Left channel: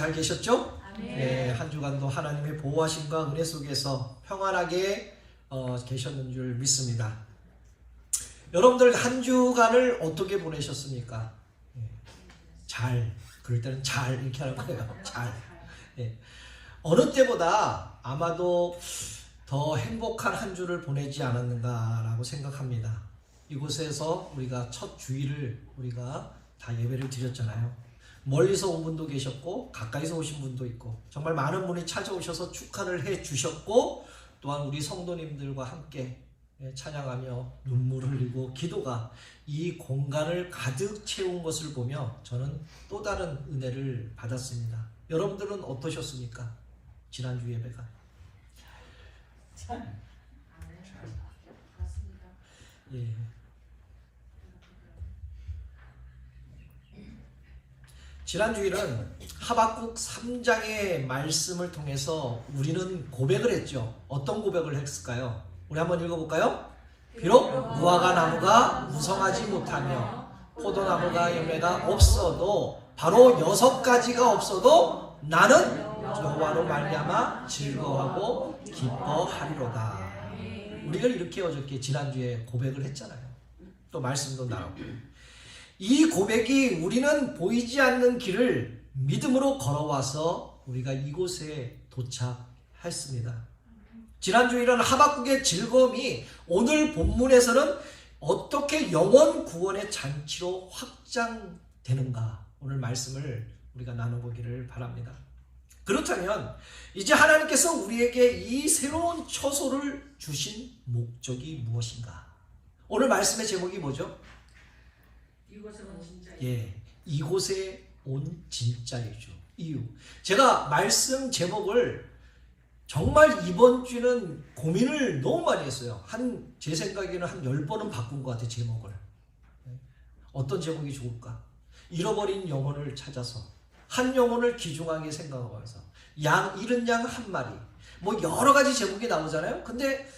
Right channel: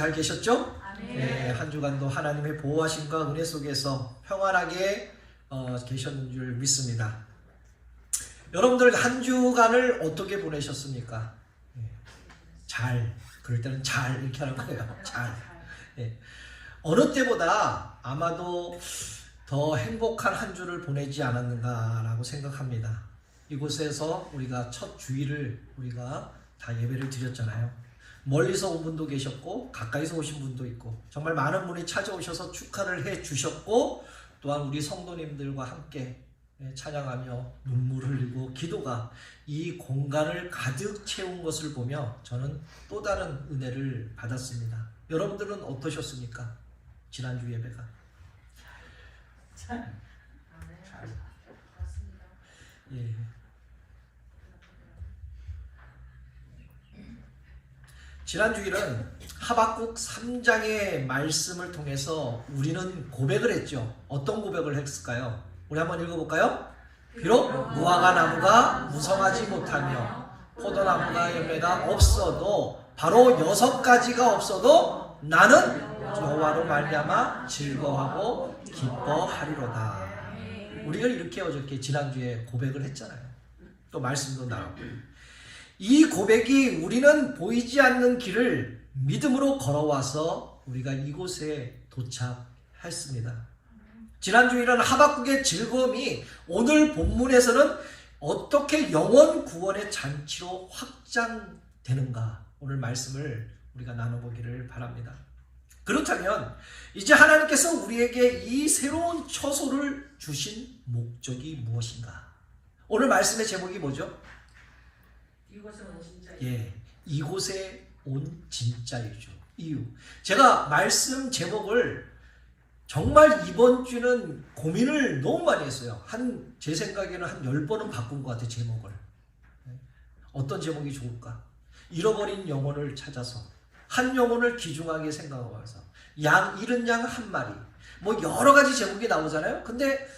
잘 계셨죠? 네, 한 주간도 하나님의 보호하심과 은혜 속에서 평안하게 계셨는 줄 믿습니다. 여러분들 한 주간을 어떻게 보내셨습니까? 잘, 그럴 때는 잘 이렇게 하는 거예요. 잘. 어느 때보다 아마도 더 행복한 한 주를 보내지 않았는가라고 생각합니다. 이곳에서 우리가 첫 주일을 우리가 다 예배를 드렸잖아요. 멀리서 온 분도 계셨고 가까이서 오신 분도 있고 정말 많은 분이 찾아오셔서 축하를 해 주셨고, 또한 우리 성도님들과 함께 찬양하며 눈물 흘리고 기도가 이 공간을 가득 채운 것을 보며 저는 또 다른 은혜를 받았습니다. 여러분들은 어떠셨습니까? 지난주 예배가. 예. 지난주일은 하박국 3장의 말씀을 통해서 우리는 고백을 했죠. 어떤 고백을 했을까요? 우리 한번 읽어볼까요? 비록 무화과 나무가 무성하지 못하며 포도나무가 열매가 없어도, 바로 6가지가 없어도 나는 여호와로 말미암아 즐거워하고 기뻐하리로다. 우리가 이렇게 어저께 지난주에 고백을 했잖아요. 또 말씀도 나오고. 이 고백이 우리는 보이지 않는 길을 믿음으로 걸어와서 우리가 이곳에 도착했습니다. 지난주일은 하박국의 즐거움이 오늘 본문에서는 어떻게 영원 구원의 잔치로 확장되는가, 오늘 말씀을 우리가 나눠보기를 바랍니다. 그렇다면 이제 하나님께서 우리에게 이 새로운 처소를 주신 목적이 무엇인가? 오늘 말씀의 제목이 뭐죠? 이곳에 온 진짜 이곳에 온 진짜이죠. 이유. 제가 말씀 제목을 정말 이번 주는 고민을 너무 많이 했어요. 제 생각에는 한 10번은 바꾼 것 같아요, 제목을. 어떤 제목이 좋을까? 잃어버린 영혼을 찾아서, 한 영혼을 귀중하게 생각하면서, 잃은 양 한 마리. 뭐 여러 가지 제목이 나오잖아요. 근데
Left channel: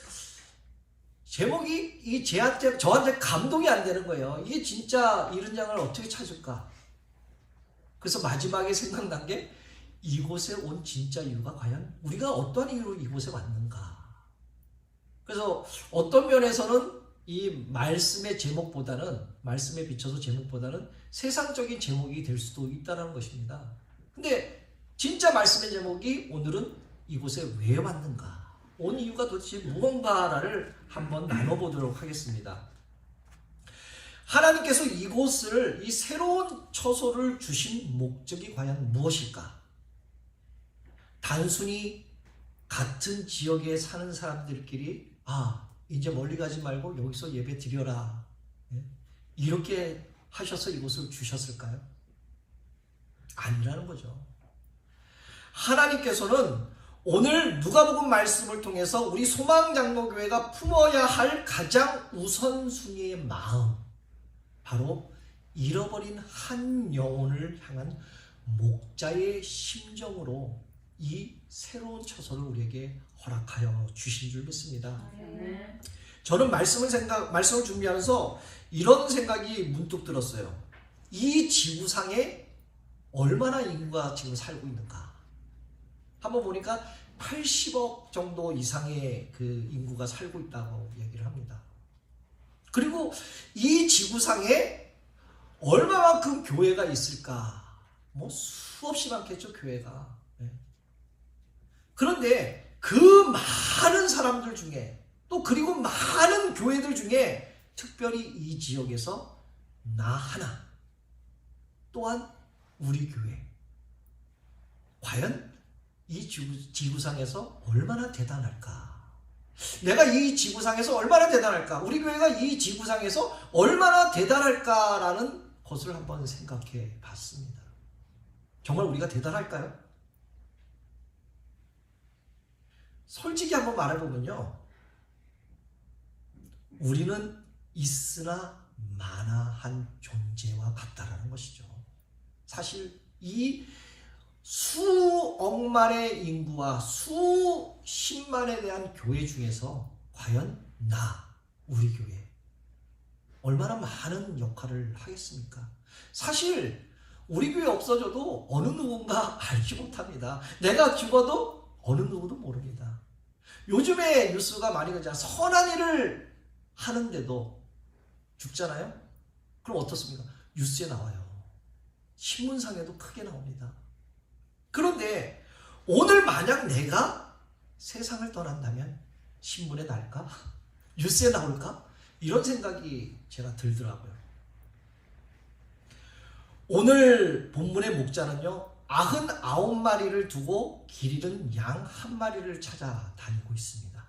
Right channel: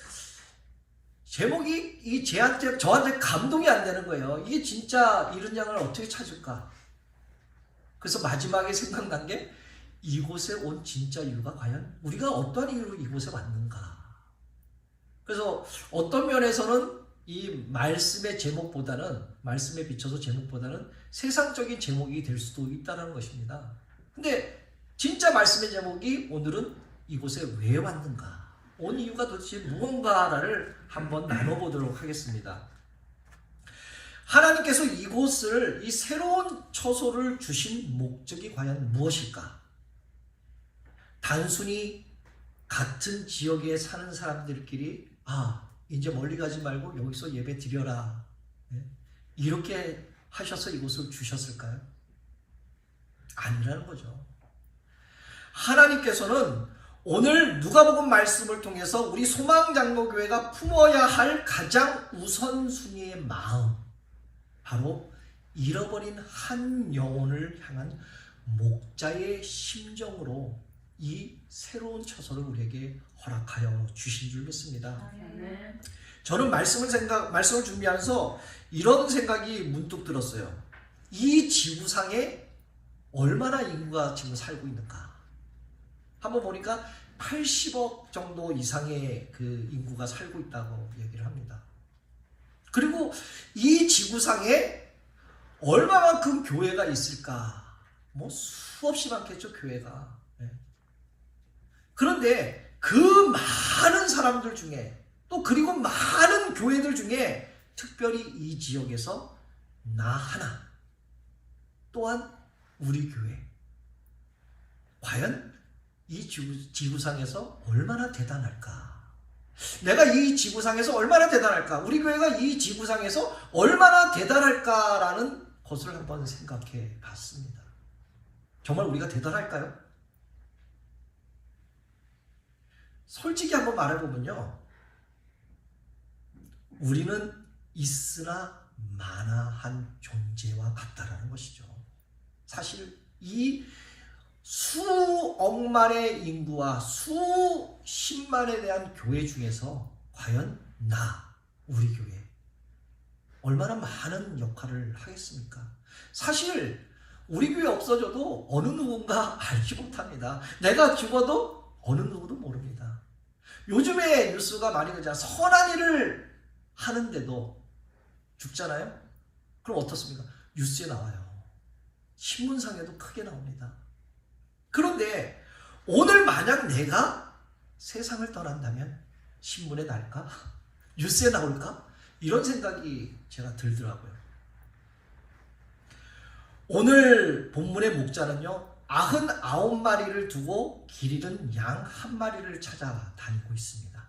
제목이 저한테 감동이 안 되는 거예요. 이게 진짜 잃은 양을 어떻게 찾을까? 그래서 마지막에 생각난 게, 이곳에 온 진짜 이유가 과연 우리가 어떠한 이유로 이곳에 왔는가? 그래서 어떤 면에서는 이 말씀의 제목보다는, 말씀에 비춰서 제목보다는 세상적인 제목이 될 수도 있다는 것입니다. 근데 진짜 말씀의 제목이 오늘은 이곳에 왜 왔는가? 온 이유가 도대체 무언가를 한번 나눠보도록 하겠습니다. 하나님께서 이 새로운 처소를 주신 목적이 과연 무엇일까? 단순히 같은 지역에 사는 사람들끼리 이제 멀리 가지 말고 여기서 예배 드려라, 이렇게 하셔서 이곳을 주셨을까요? 아니라는 거죠. 하나님께서는 오늘 누가복음 말씀을 통해서 우리 소망장로교회가 품어야 할 가장 우선순위의 마음, 바로 잃어버린 한 영혼을 향한 목자의 심정으로 이 새로운 처소를 우리에게 허락하여 주신 줄 믿습니다. 저는 말씀을 준비하면서 이런 생각이 문득 들었어요. 이 지구상에 얼마나 인구가 지금 살고 있는가? 한번 보니까 80억 정도 이상의 그 인구가 살고 있다고 얘기를 합니다. 그리고 이 지구상에 얼마만큼 교회가 있을까? 뭐 수없이 많겠죠, 교회가. 그런데 그 많은 사람들 중에, 또 그리고 많은 교회들 중에 특별히 이 지역에서 나 하나, 또한 우리 교회, 과연 이 지구상에서 얼마나 대단할까? 내가 이 지구상에서 얼마나 대단할까? 우리 교회가 이 지구상에서 얼마나 대단할까라는 것을 한번 생각해 봤습니다. 정말 우리가 대단할까요? 솔직히 한번 말해보면요, 우리는 있으나 마나한 존재와 같다라는 것이죠. 사실 이 수억만의 인구와 수십만에 대한 교회 중에서 과연 우리 교회 얼마나 많은 역할을 하겠습니까? 사실 우리 교회 없어져도 어느 누군가 알지 못합니다. 내가 죽어도 어느 누구도 모릅니다. 요즘에 뉴스가 많이 그러잖아요. 선한 일을 하는데도 죽잖아요. 그럼 어떻습니까? 뉴스에 나와요. 신문상에도 크게 나옵니다. 그런데 오늘 만약 내가 세상을 떠난다면 신문에 날까? 뉴스에 나올까? 이런 생각이 제가 들더라고요. 오늘 본문의 목자는요, 99마리를 두고 길 잃은 양 1마리를 찾아다니고 있습니다.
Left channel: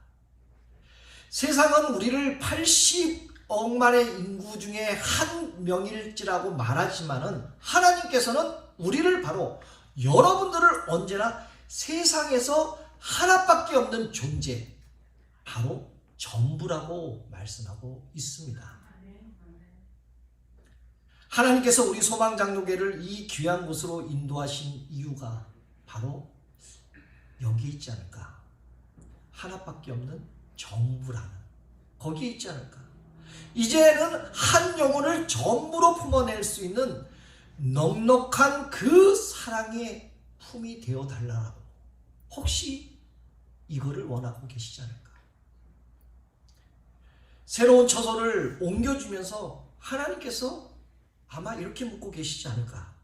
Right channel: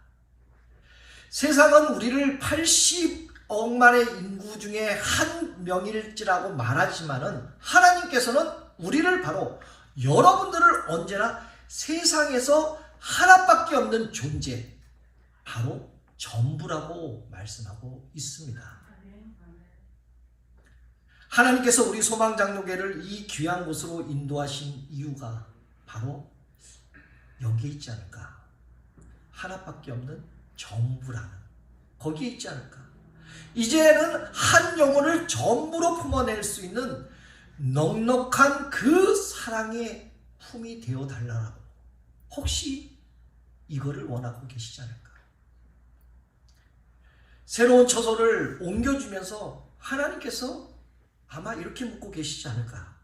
세상은 우리를 80억만의 인구 중에 한 명일지라고 말하지만은 하나님께서는 우리를 바로 여러분들을 언제나 세상에서 하나밖에 없는 존재, 바로 전부라고 말씀하고 있습니다. 하나님께서 우리 소망장로교회를 이 귀한 곳으로 인도하신 이유가 바로 여기에 있지 않을까? 하나밖에 없는 전부라는 거기에 있지 않을까? 이제는 한 영혼을 전부로 품어낼 수 있는 넉넉한 그 사랑의 품이 되어 달라고, 혹시 이거를 원하고 계시지 않을까? 새로운 처소를 옮겨주면서 하나님께서 아마 이렇게 묻고 계시지 않을까?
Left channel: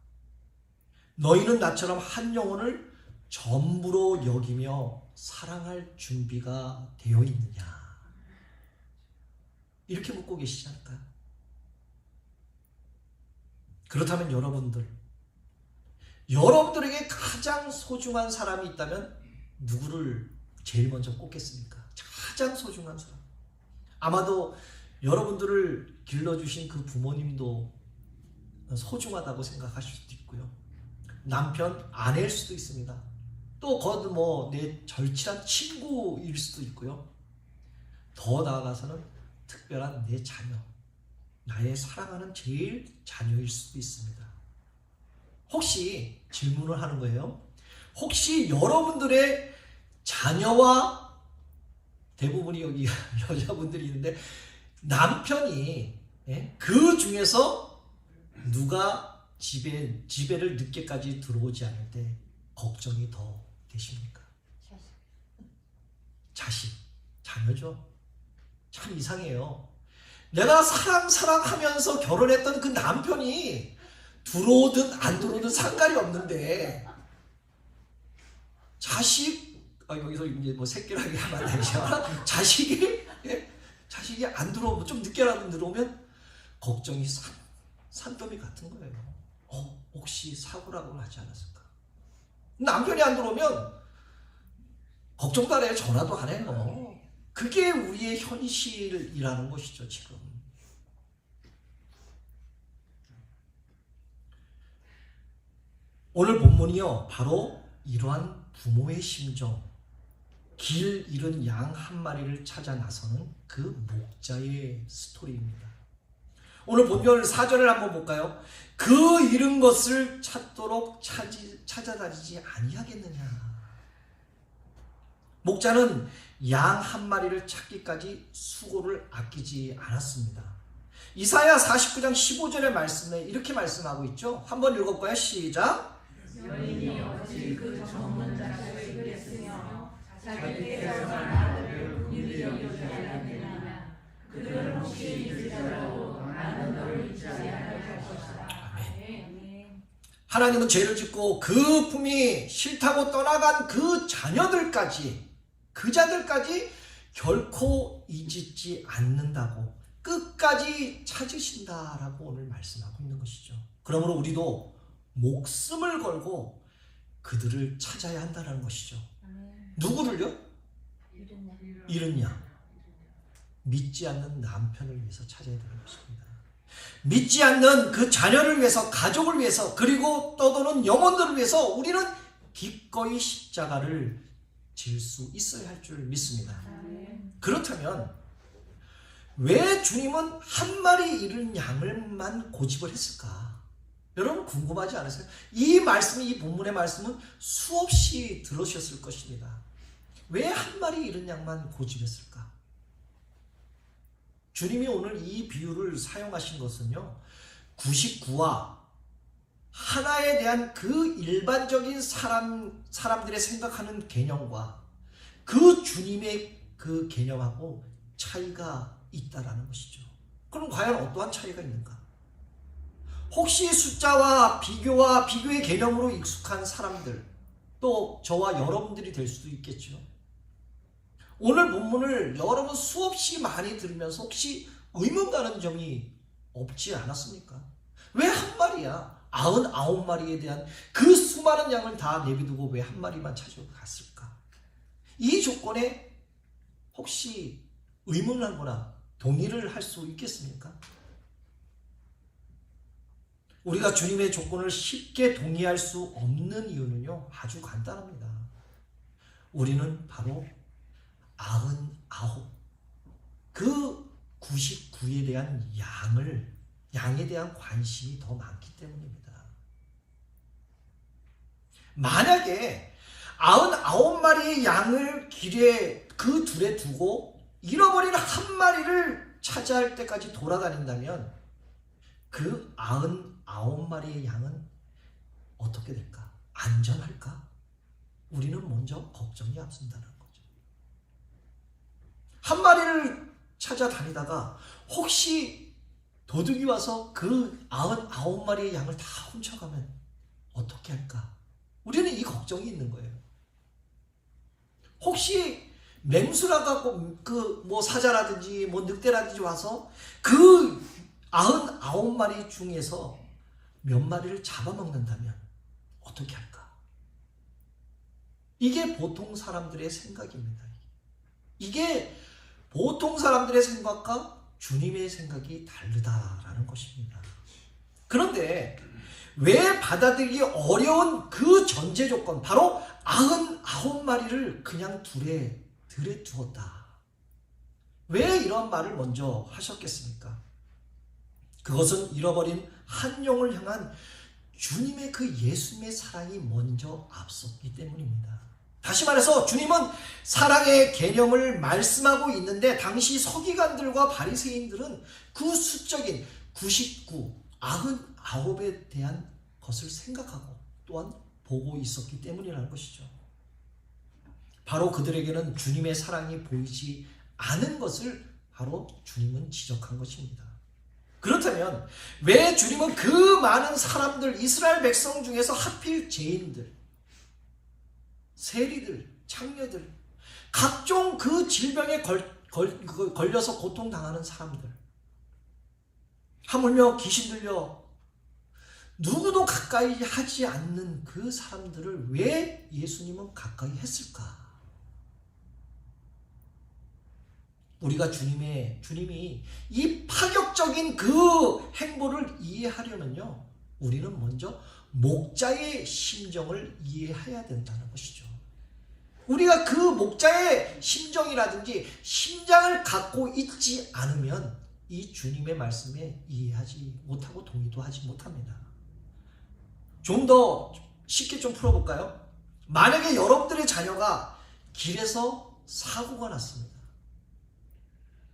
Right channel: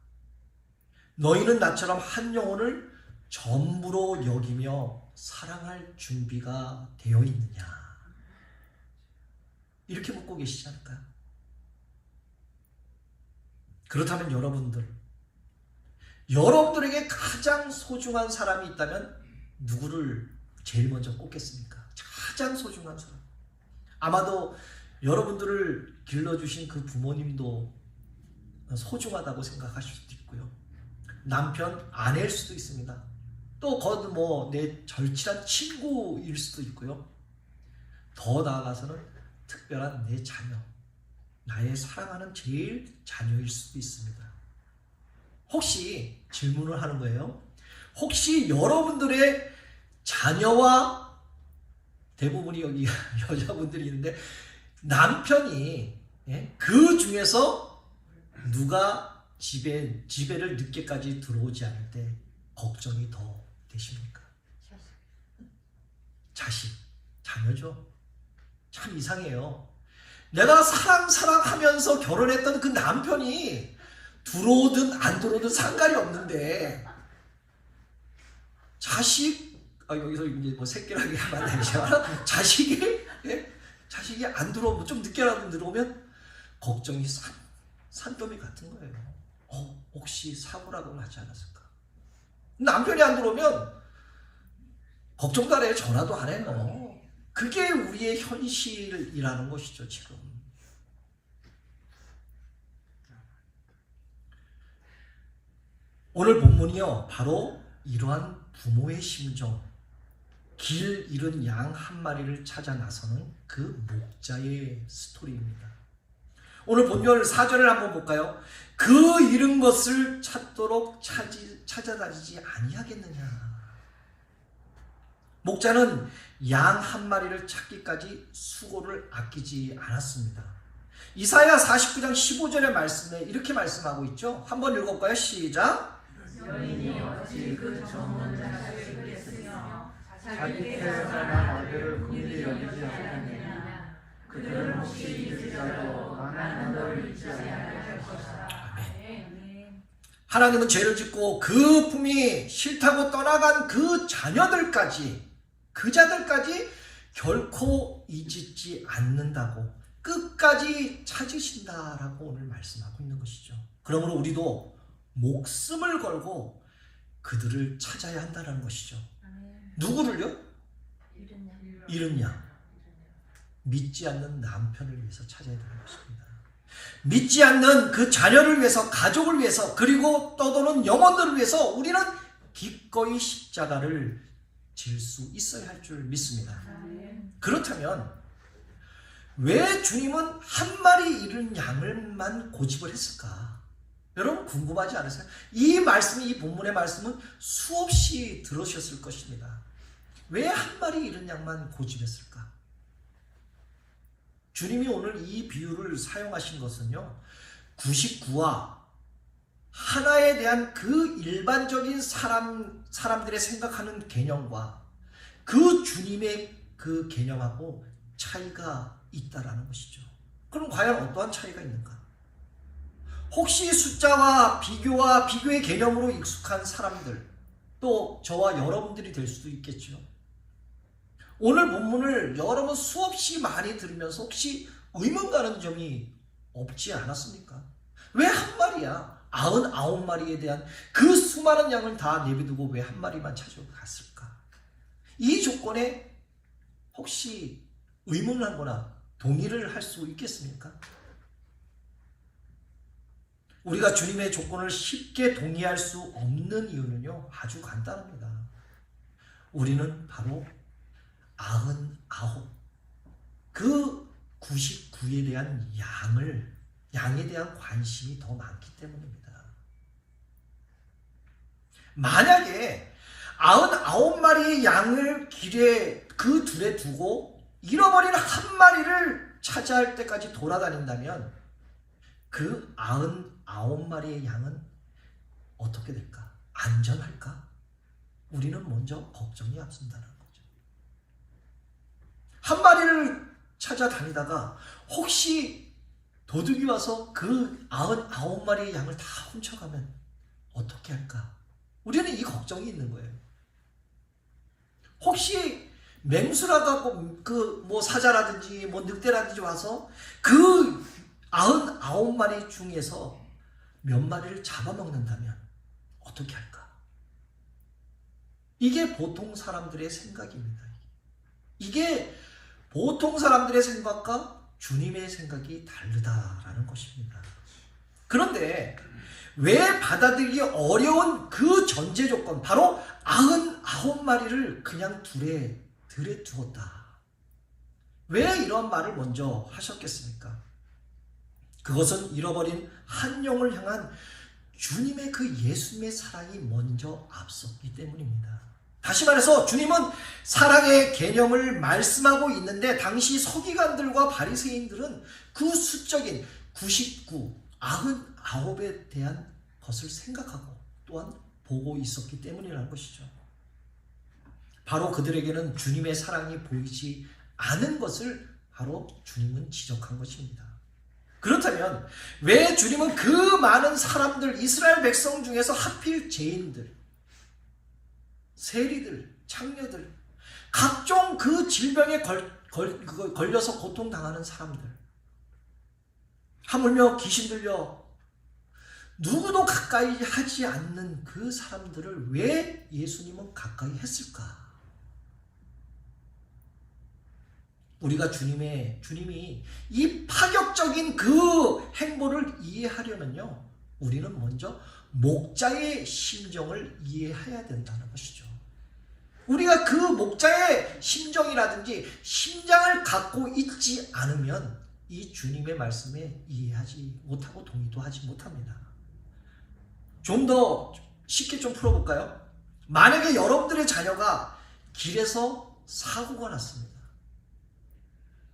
너희는 나처럼 한 영혼을 전부로 여기며 사랑할 준비가 되어 있느냐? 이렇게 묻고 계시지 않을까요? 그렇다면 여러분들에게 가장 소중한 사람이 있다면 누구를 제일 먼저 꼽겠습니까? 가장 소중한 사람. 아마도 여러분들을 길러주신 그 부모님도 소중하다고 생각하실 수도 있고요. 남편, 아내일 수도 있습니다. 또 내 절친한 친구일 수도 있고요. 더 나아가서는 특별한 내 자녀, 나의 사랑하는 제일 자녀일 수도 있습니다. 혹시 질문을 하는 거예요. 혹시 여러분들의 자녀와, 대부분이 여기 여자분들이 있는데, 남편이 그 중에서 누가 집에를 늦게까지 들어오지 않을 때 걱정이 더 되십니까? 자식, 자녀죠. 참 이상해요. 내가 사랑하면서 결혼했던 그 남편이 들어오든 안 들어오든 상관이 없는데, 여기서 이제 새끼라고 하면 안 되지만, 자식이 안 들어오면, 좀 늦게라도 들어오면 걱정이 산더미 같은 거예요. 혹시 사고라고 하지 않았을까? 남편이 안 들어오면 걱정도 안 해요. 전화도 안 해요. 그게 우리의 현실이라는 것이죠, 지금. 오늘 본문이요, 바로 이러한 부모의 심정, 길 잃은 양 1마리를 찾아 나서는 그 목자의 스토리입니다. 오늘 본문 4절을 한번 볼까요? 그 잃은 것을 찾도록 찾아다니지 아니하겠느냐. 목자는 양 1마리를 찾기까지 수고를 아끼지 않았습니다. 이사야 49장 15절의 말씀에 이렇게 말씀하고 있죠. 한번 읽어볼까요? 시작. 여인이 어찌 그 젊은 자식을 그랬으며 자기께서 나를 긍휼히 여기지 않느냐. 그들은 혹시 잊으려고 나는 너를 잊지 아니할 것이다. 아멘. 하나님은 죄를 짓고 그 품이 싫다고 떠나간 그 자녀들까지, 그 자들까지 결코 잊지 않는다고, 끝까지 찾으신다라고 오늘 말씀하고 있는 것이죠. 그러므로 우리도 목숨을 걸고 그들을 찾아야 한다는 것이죠. 누구를요? 잃은 양. 믿지 않는 남편을 위해서 찾아야 되는 것입니다. 믿지 않는 그 자녀를 위해서, 가족을 위해서, 그리고 떠도는 영혼들을 위해서 우리는 기꺼이 십자가를 질 수 있어야 할 줄 믿습니다. 그렇다면 왜 주님은 1마리 잃은 양을만 고집을 했을까? 여러분 궁금하지 않으세요? 이 본문의 말씀은 수없이 들으셨을 것입니다. 왜 1마리 잃은 양만 고집했을까? 주님이 오늘 이 비유를 사용하신 것은요, 99와 하나에 대한 그 일반적인 사람들의 생각하는 개념과 그 주님의 그 개념하고 차이가 있다라는 것이죠. 그럼 과연 어떠한 차이가 있는가? 혹시 숫자와 비교의 개념으로 익숙한 사람들, 또 저와 여러분들이 될 수도 있겠죠. 오늘 본문을 여러분 수없이 많이 들으면서 혹시 의문 가는 점이 없지 않았습니까? 왜 한 마리야? 99마리에 대한 그 수많은 양을 다 내비두고 왜 한 마리만 찾아갔을까? 이 조건에 혹시 의문을 하거나 동의를 할 수 있겠습니까? 우리가 주님의 조건을 쉽게 동의할 수 없는 이유는요, 아주 간단합니다. 우리는 바로 99, 그 99에 대한 양에 대한 관심이 더 많기 때문입니다. 만약에 99마리의 양을 길에 그 둘에 두고 잃어버린 한 마리를 찾아할 때까지 돌아다닌다면 그 99마리의 양은 어떻게 될까? 안전할까? 우리는 먼저 걱정이 앞선다는 거죠. 한 마리를 찾아다니다가 혹시 도둑이 와서 그 99마리의 양을 다 훔쳐가면 어떻게 할까? 우리는 이 걱정이 있는 거예요. 혹시 맹수라가 사자라든지 늑대라든지 와서 그 99마리 중에서 몇 마리를 잡아먹는다면 어떻게 할까? 이게 보통 사람들의 생각입니다. 이게 보통 사람들의 생각과 주님의 생각이 다르다라는 것입니다. 그런데 왜 받아들이기 어려운 그 전제 조건, 바로 99마리를 그냥 들에 두었다. 왜 이런 말을 먼저 하셨겠습니까? 그것은 잃어버린 한 영을 향한 주님의 그 예수님의 사랑이 먼저 앞섰기 때문입니다. 다시 말해서 주님은 사랑의 개념을 말씀하고 있는데 당시 서기관들과 바리새인들은 그 수적인 99, 99에 대한 것을 생각하고 또한 보고 있었기 때문이라는 것이죠. 바로 그들에게는 주님의 사랑이 보이지 않은 것을 바로 주님은 지적한 것입니다. 그렇다면 왜 주님은 그 많은 사람들, 이스라엘 백성 중에서 하필 죄인들, 세리들, 창녀들, 각종 그 질병에 걸려서 고통당하는 사람들, 하물며 귀신 들려 누구도 가까이 하지 않는 그 사람들을 왜 예수님은 가까이 했을까? 우리가 주님이 이 파격적인 그 행보를 이해하려면요, 우리는 먼저 목자의 심정을 이해해야 된다는 것이죠. 우리가 그 목자의 심정이라든지 심장을 갖고 있지 않으면 이 주님의 말씀에 이해하지 못하고 동의도 하지 못합니다. 좀 더 쉽게 좀 풀어볼까요? 만약에 여러분들의 자녀가 길에서 사고가 났습니다.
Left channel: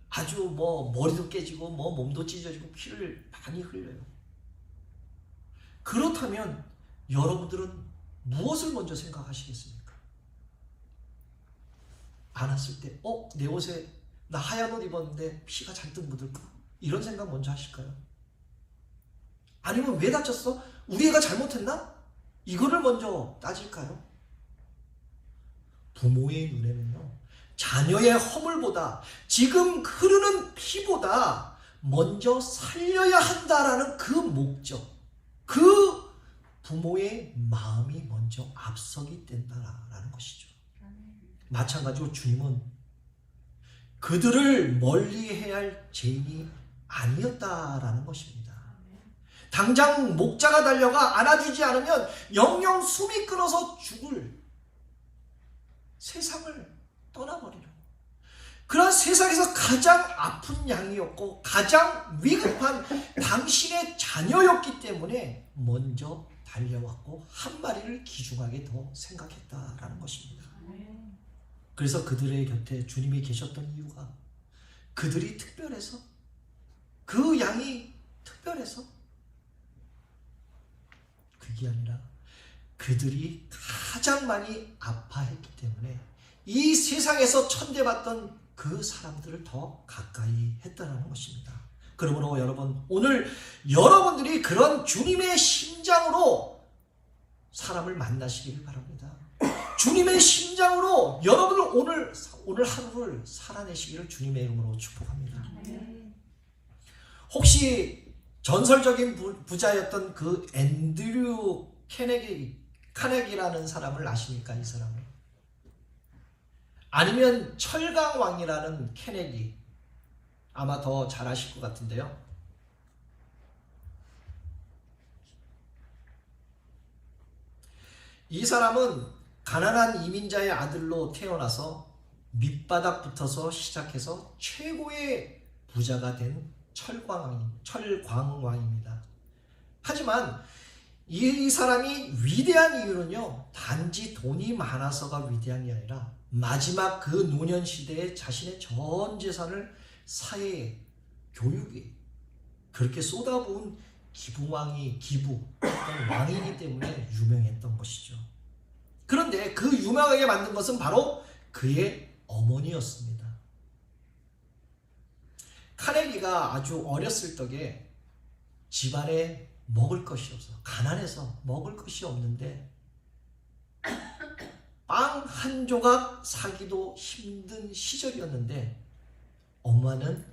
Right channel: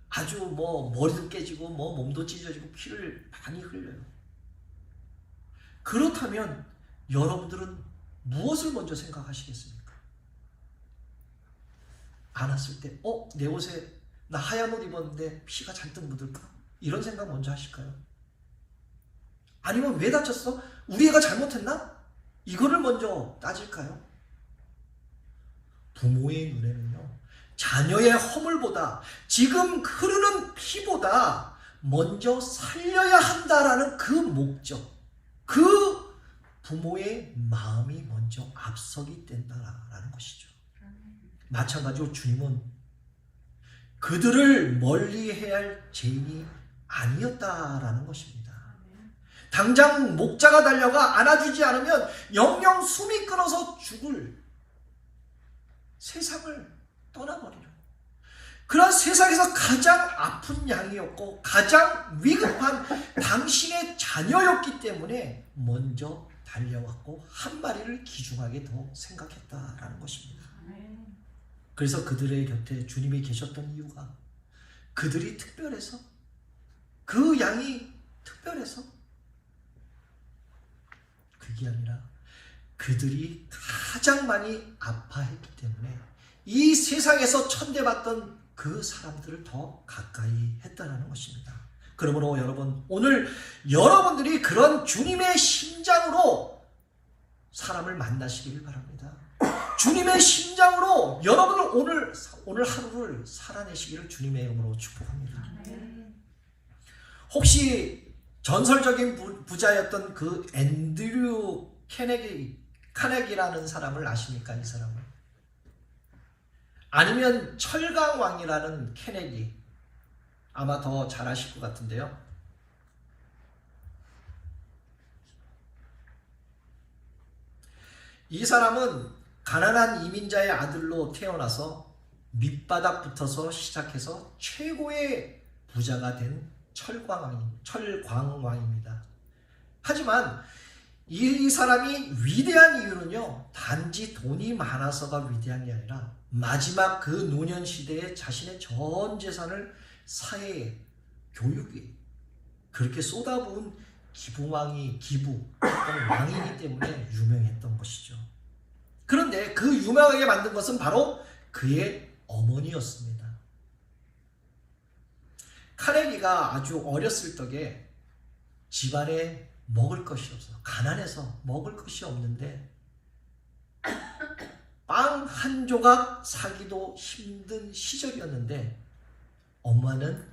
아주 머리도 깨지고 몸도 찢어지고 피를 많이 흘려요. 그렇다면 여러분들은 무엇을 먼저 생각하시겠습니까? 안았을 때 내 옷에 나 하얀 옷 입었는데 피가 잔뜩 묻을까? 이런 생각 먼저 하실까요? 아니면 왜 다쳤어? 우리 애가 잘못했나? 이거를 먼저 따질까요? 부모의 눈에는요, 자녀의 허물보다 지금 흐르는 피보다 먼저 살려야 한다라는 그 목적, 그 부모의 마음이 먼저 앞서기 된다라는 것이죠. 마찬가지로 주님은 그들을 멀리해야 할 죄인이 아니었다라는 것입니다. 당장 목자가 달려가 안아주지 않으면 영영 숨이 끊어서 죽을 세상을 떠나버리려. 그런 세상에서 가장 아픈 양이었고 가장 위급한 당신의 자녀였기 때문에 먼저 달려왔고 한 마리를 귀중하게 더 생각했다라는 것입니다. 그래서 그들의 곁에 주님이 계셨던 이유가 그들이 특별해서, 그 양이 특별해서, 그게 아니라 그들이 가장 많이 아파했기 때문에 이 세상에서 천대받던 그 사람들을 더 가까이 했다는 것입니다. 그러므로 여러분, 오늘 여러분들이 그런 주님의 심장으로 사람을 만나시기를 바랍니다. 주님의 심장으로 여러분을 오늘 하루를 살아내시기를 주님의 이름으로 축복합니다. 혹시 전설적인 부자였던 그 앤드류 카네기라는 사람을 아십니까? 이 사람을? 아니면 철강왕이라는 케네디, 아마 더 잘 아실 것 같은데요. 이 사람은 가난한 이민자의 아들로 태어나서 밑바닥부터서 시작해서 최고의 부자가 된 철광왕입니다. 하지만 이 사람이 위대한 이유는요, 단지 돈이 많아서가 위대한 게 아니라 마지막 그 노년 시대에 자신의 전 재산을 사회에, 교육에 그렇게 쏟아부은 기부했던 왕이기 때문에 유명했던 것이죠. 그런데 그 유명하게 만든 것은 바로 그의 어머니였습니다. 카네기가 아주 어렸을 적에 집안에 먹을 것이 없어, 가난해서 먹을 것이 없는데 빵 한 조각 사기도 힘든 시절이었는데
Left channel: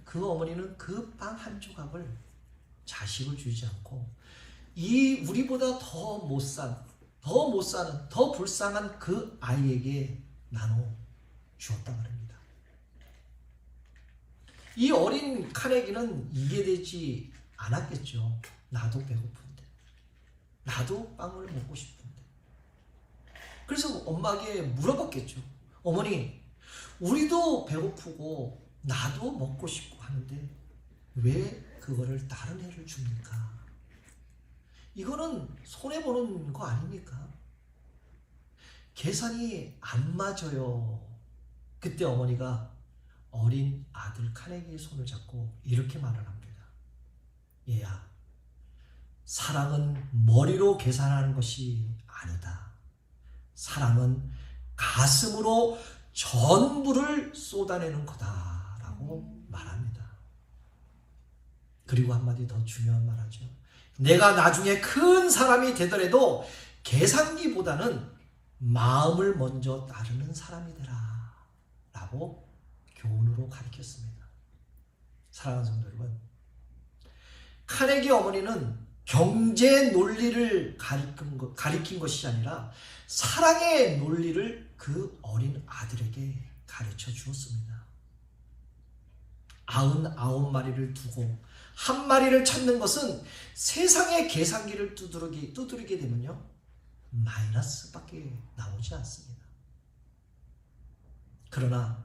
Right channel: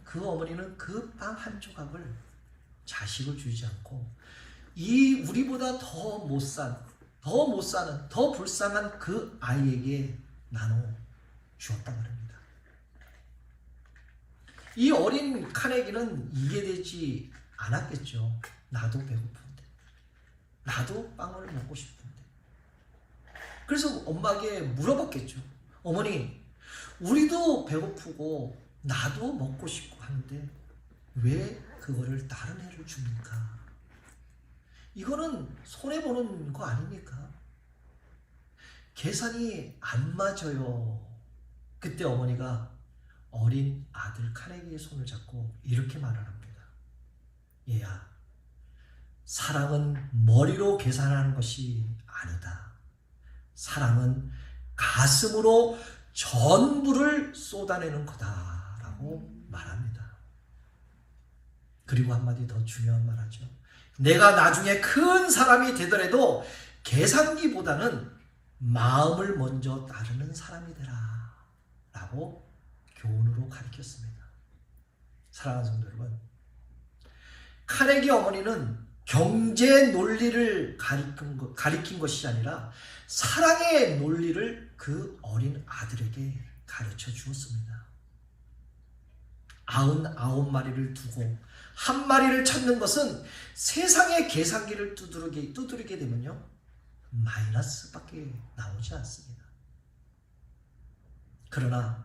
그 어머니는 그 빵 한 조각을 자식을 주지 않고 우리보다 더 못 사는, 더 불쌍한 그 아이에게 나눠 주었단 말입니다. 이 어린 카네기는 이해되지 않았겠죠. 나도 배고픈데, 나도 빵을 먹고 싶은데. 그래서 엄마에게 물어봤겠죠. 어머니, 우리도 배고프고 나도 먹고 싶고 하는데 왜 그거를 다른 애를 줍니까? 이거는 손해보는 거 아닙니까? 계산이 안 맞아요. 그때 어머니가 어린 아들 카네기의 손을 잡고 이렇게 말을 합니다. 얘야, 사랑은 머리로 계산하는 것이 아니다. 사랑은 가슴으로 전부를 쏟아내는 거다라고 말합니다. 그리고 한마디 더 중요한 말 하죠. 내가 나중에 큰 사람이 되더라도 계산기보다는 마음을 먼저 따르는 사람이 되라 라고 교훈으로 가르쳤습니다. 사랑하는 성도 여러분, 카네기 어머니는 경제 논리를 가리킨 것이 아니라 사랑의 논리를 그 어린 아들에게 가르쳐 주었습니다. 99마리를 두고 한 마리를 찾는 것은 세상의 계산기를 두드리게 되면요, 마이너스밖에 나오지 않습니다. 그러나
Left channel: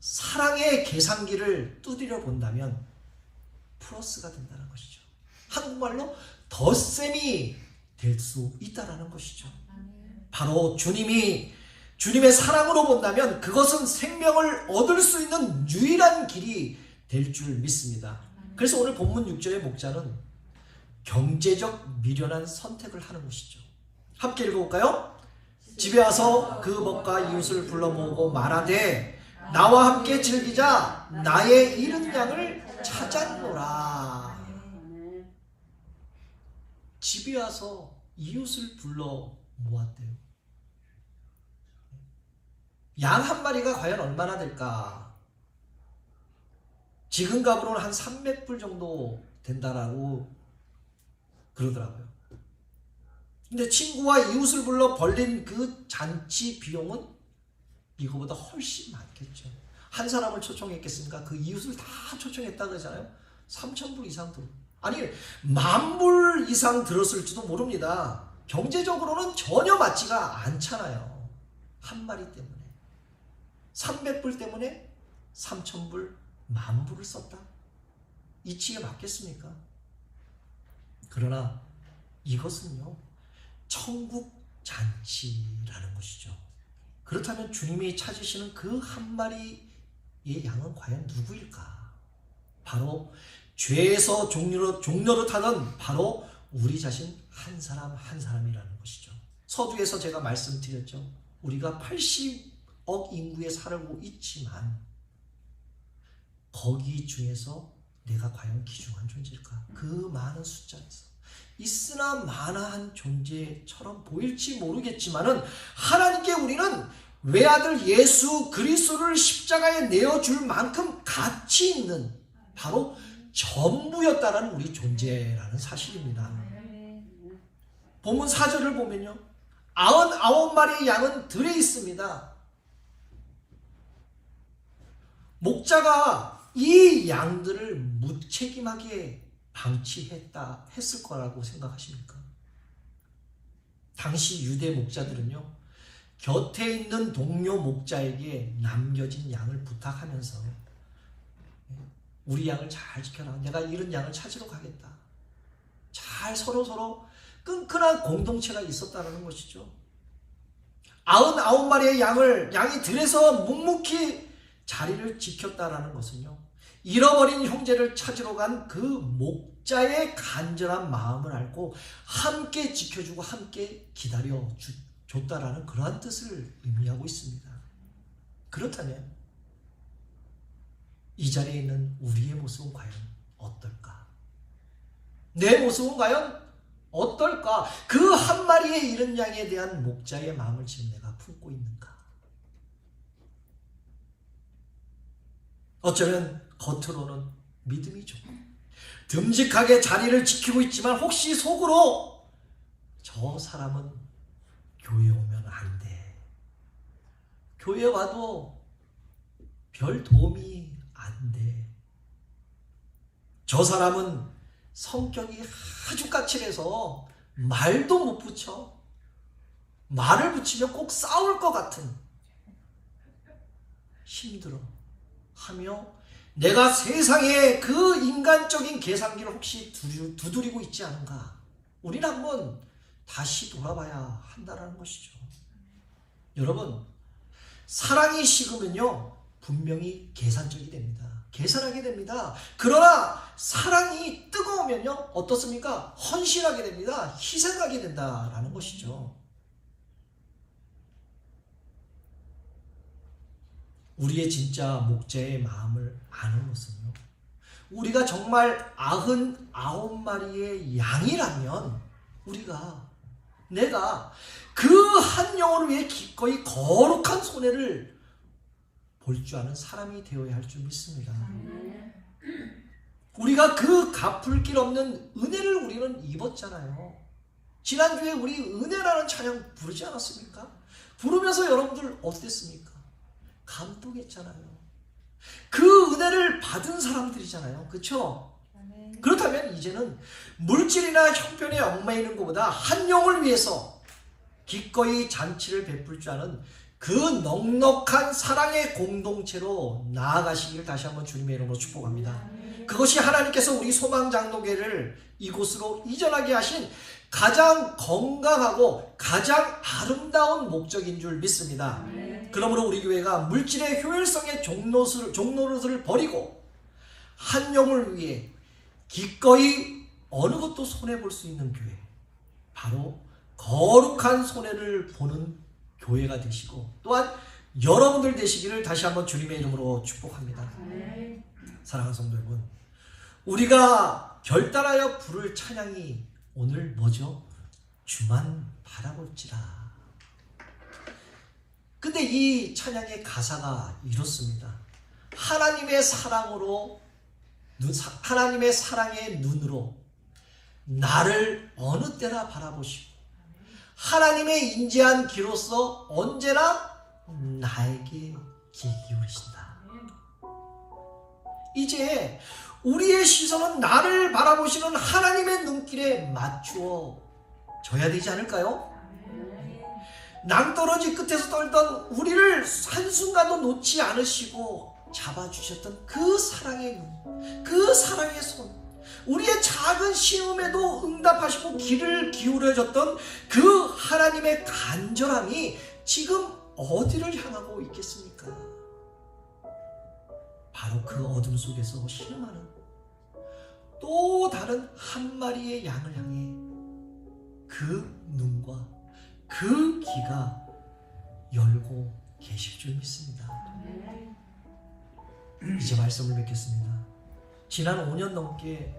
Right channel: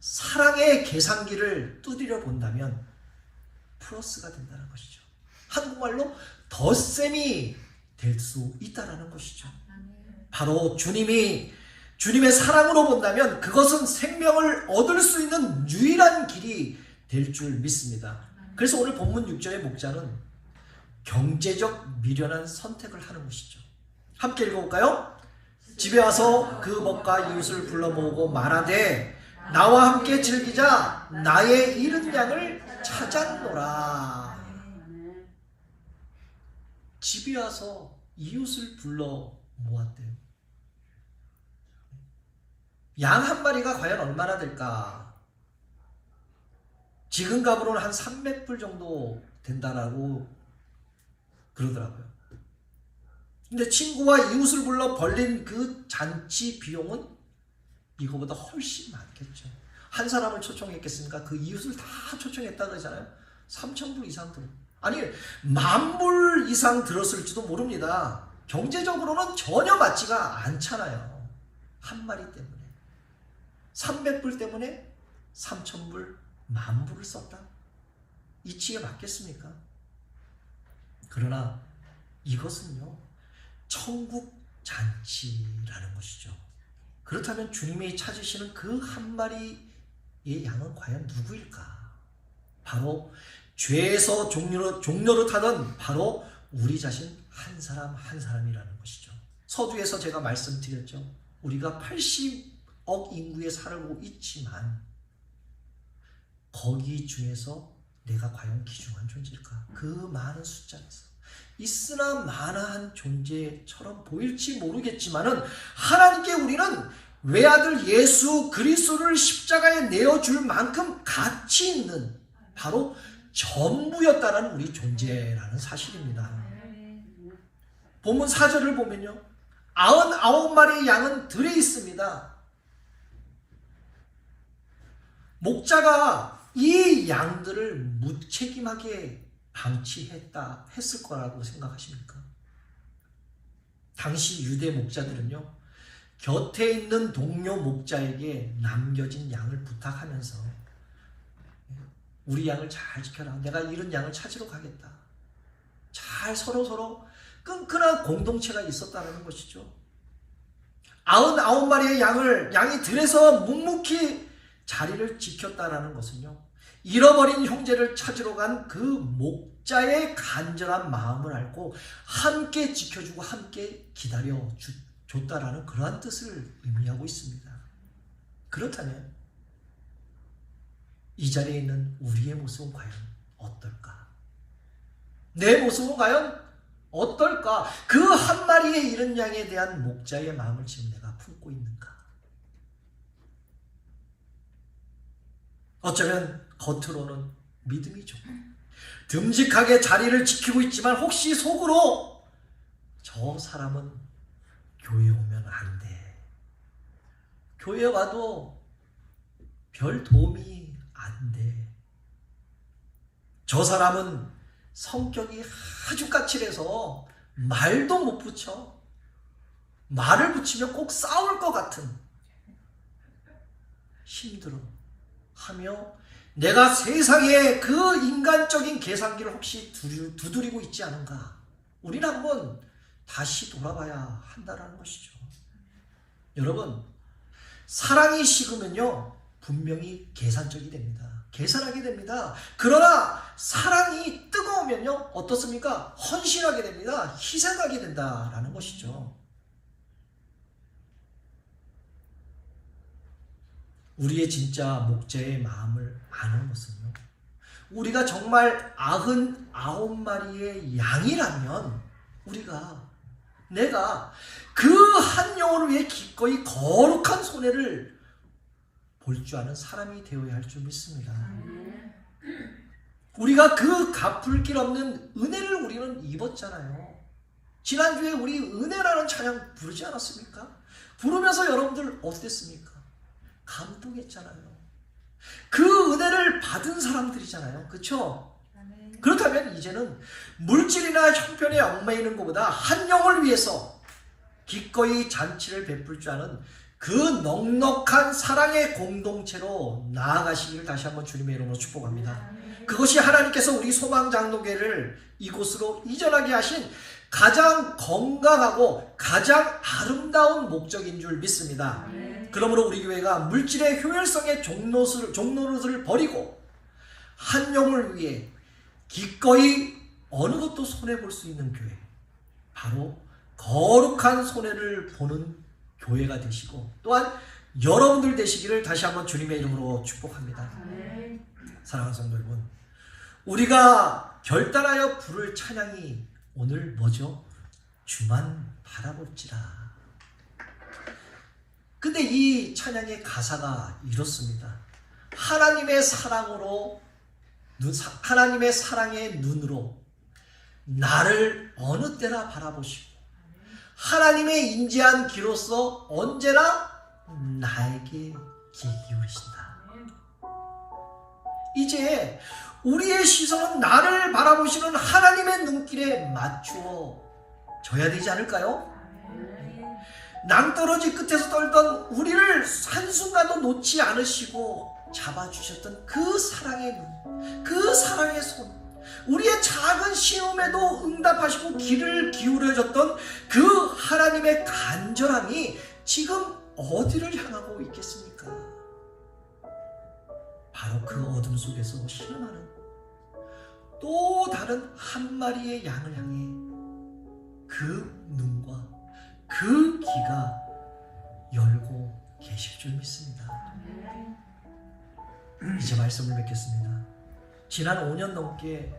사랑의 계산기를 두드려 본다면 플러스가 된다는 것이죠. 한국말로 덧셈이 될 수 있다는 것이죠. 바로 주님의 사랑으로 본다면 그것은 생명을 얻을 수 있는 유일한 길이 될 줄 믿습니다. 그래서 오늘 본문 6절의 목자는 경제적 미련한 선택을 하는 것이죠. 함께 읽어볼까요? 집에 와서 그 먹과 이웃을 불러 모으고 말하되 나와 함께 즐기자. 나의 잃은 양을 찾았노라. 집에 와서 이웃을 불러 모았대요. 양 한 마리가 과연 얼마나 될까? 지금 값으로는 한 300불 정도 된다라고 그러더라고요. 근데 친구와 이웃을 불러 벌린 그 잔치 비용은 이거보다 훨씬 많겠죠. 한 사람을 초청했겠습니까? 그 이웃을 다 초청했다 그러잖아요. 3,000불 이상 들어. 아니, 10,000불 이상 들었을지도 모릅니다. 경제적으로는 전혀 맞지가 않잖아요. 한 마리 때문에. 300불 때문에 3,000불, 10,000불을 썼다. 이치에 맞겠습니까? 그러나 이것은요, 천국 잔치라는 것이죠. 그렇다면 주님이 찾으시는 그 한 마리의 양은 과연 누구일까? 바로 죄에서 종로로 타던 바로 우리 자신 한 사람 한 사람이라는 것이죠. 서두에서 제가 말씀드렸죠. 우리가 80억 인구에 살고 있지만 거기 중에서 내가 과연 귀중한 존재일까? 그 많은 숫자에서 있으나 마나한 존재처럼 보일지 모르겠지만은 하나님께 우리는 외아들 예수 그리스도를 십자가에 내어줄 만큼 가치 있는 바로 전부였다는 우리 존재라는 사실입니다. 본문 4절을 보면요, 99마리의 양은 들에 있습니다. 목자가 이 양들을 무책임하게 했을 거라고 생각하십니까? 당시 유대 목자들은요, 곁에 있는 동료 목자에게 남겨진 양을 부탁하면서 우리 양을 잘 지켜라. 내가 잃은 양을 찾으러 가겠다. 잘 서로 끈끈한 공동체가 있었다는 것이죠. 99마리의 양이 들에서 묵묵히 자리를 지켰다는 것은요, 잃어버린 형제를 찾으러 간 그 목자의 간절한 마음을 알고 함께 지켜주고 함께 기다려 줬다라는 그러한 뜻을 의미하고 있습니다. 그렇다면 이 자리에 있는 우리의 모습은 과연 어떨까? 내 모습은 과연 어떨까? 그 한 마리의 잃은 양에 대한 목자의 마음을 지금 내가 품고 있는가? 어쩌면 겉으로는 믿음이죠. 듬직하게 자리를 지키고 있지만 혹시 속으로 저 사람은 교회 오면 안 돼. 교회 와도 별 도움이 안 돼. 저 사람은 성격이 아주 까칠해서 말도 못 붙여. 말을 붙이면 꼭 싸울 것 같은. 힘들어 하며 내가 세상에 그 인간적인 계산기를 혹시 두드리고 있지 않은가? 우리는 한번 다시 돌아봐야 한다는 것이죠. 여러분, 사랑이 식으면요 분명히 계산적이 됩니다. 계산하게 됩니다. 그러나 사랑이 뜨거우면요 어떻습니까? 헌신하게 됩니다. 희생하게 된다라는 것이죠. 우리의 진짜 목자의 마음을 아는 것은요, 우리가 정말 99마리의 양이라면 내가 그 한 영혼을 위해 기꺼이 거룩한 손해를 볼 줄 아는 사람이 되어야 할 줄 믿습니다. 우리가 그 갚을 길 없는 은혜를 우리는 입었잖아요. 지난주에 우리 은혜라는 찬양 부르지 않았습니까? 부르면서 여러분들 어땠습니까? 감동했잖아요. 그 은혜를 받은 사람들이잖아요. 그렇죠? 그렇다면 이제는 물질이나 형편에 얽매이는 것보다 한 영을 위해서 기꺼이 잔치를 베풀 줄 아는 그 넉넉한 사랑의 공동체로 나아가시기를 다시 한번 주님의 이름으로 축복합니다. 그것이 하나님께서 우리 소망장로교회를 이곳으로 이전하게 하신 가장 건강하고 가장 아름다운 목적인 줄 믿습니다. 그러므로 우리 교회가 물질의 효율성의 종노릇을 버리고 한 영을 위해 기꺼이 어느 것도 손해볼 수 있는 교회, 바로 거룩한 손해를 보는 교회가 되시고 또한 여러분들 되시기를 다시 한번 주님의 이름으로 축복합니다. 사랑하는 성도 여러분, 우리가 결단하여 부를 찬양이 오늘 뭐죠? 주만 바라볼지라. 근데 이 찬양의 가사가 이렇습니다. 하나님의 사랑의 눈으로 나를 어느 때나 바라보시고 하나님의 인자한 귀로서 언제나 나에게 귀 기울이신다. 이제 우리의 시선은 나를 바라보시는 하나님의 눈길에 맞추어 져야 되지 않을까요? 낭떠러지 끝에서 떨던 우리를 한순간도 놓지 않으시고 잡아주셨던 그 사랑의 눈, 그 사랑의 손, 우리의 작은 시험에도 응답하시고 귀를 기울여줬던 그 하나님의 간절함이 지금 어디를 향하고 있겠습니까? 바로 그 어둠 속에서 신음하는 또 다른 한 마리의 양을 향해 그 눈과 그 귀가 열고 계실 줄 믿습니다. 이제 말씀을 맺겠습니다. 지난 5년 넘게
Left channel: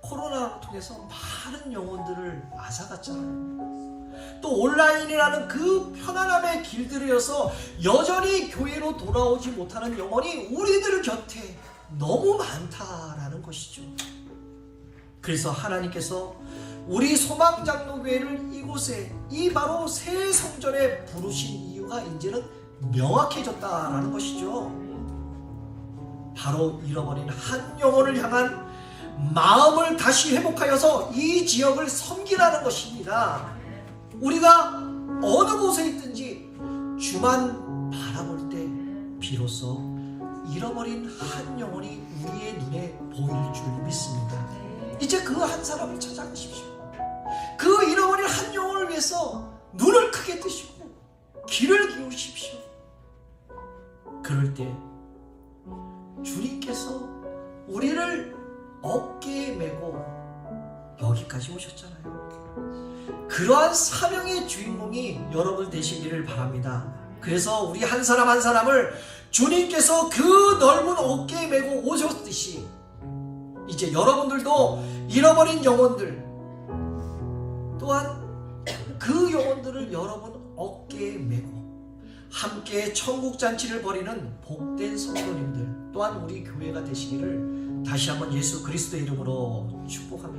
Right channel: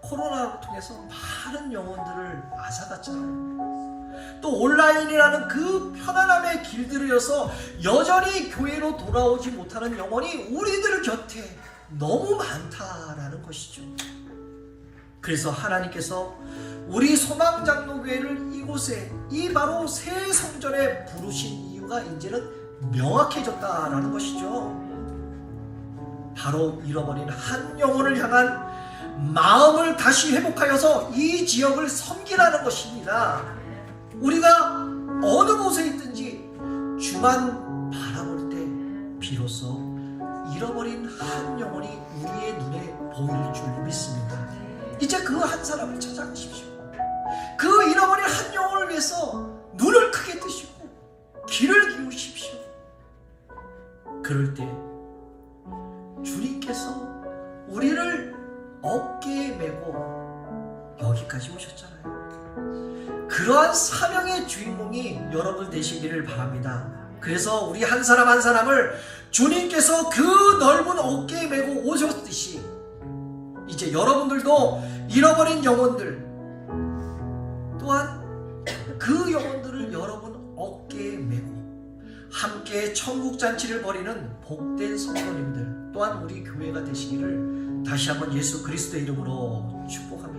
코로나로 통해서 많은 영혼들을 앗아갔잖아요. 또 온라인이라는 그 편안함의 길들여서 여전히 교회로 돌아오지 못하는 영혼이 우리들 곁에 너무 많다라는 것이죠. 그래서 하나님께서 우리 소망장로교회를 이곳에 이 바로 새 성전에 부르신 이유가 이제는 명확해졌다라는 것이죠. 바로 잃어버린 한 영혼을 향한 마음을 다시 회복하여서 이 지역을 섬기라는 것입니다. 우리가 어느 곳에 있든지 주만 바라볼 때 비로소 잃어버린 한 영혼이 우리의 눈에 보일 줄 믿습니다. 이제 그 한 사람을 찾아가십시오. 그 잃어버린 한 영혼을 위해서 눈을 크게 뜨시고 귀를 기울이십시오. 그럴 때 주님께서 우리를 어깨에 메고 여기까지 오셨잖아요. 그러한 사명의 주인공이 여러분 되시기를 바랍니다. 그래서 우리 한 사람 한 사람을 주님께서 그 넓은 어깨에 메고 오셨듯이 이제 여러분들도 잃어버린 영혼들 또한 그 영혼들을 여러분 어깨에 메고 함께 천국잔치를 벌이는 복된 성도님들 또한 우리 교회가 되시기를 다시 한번 예수 그리스도의 이름으로 축복합니다.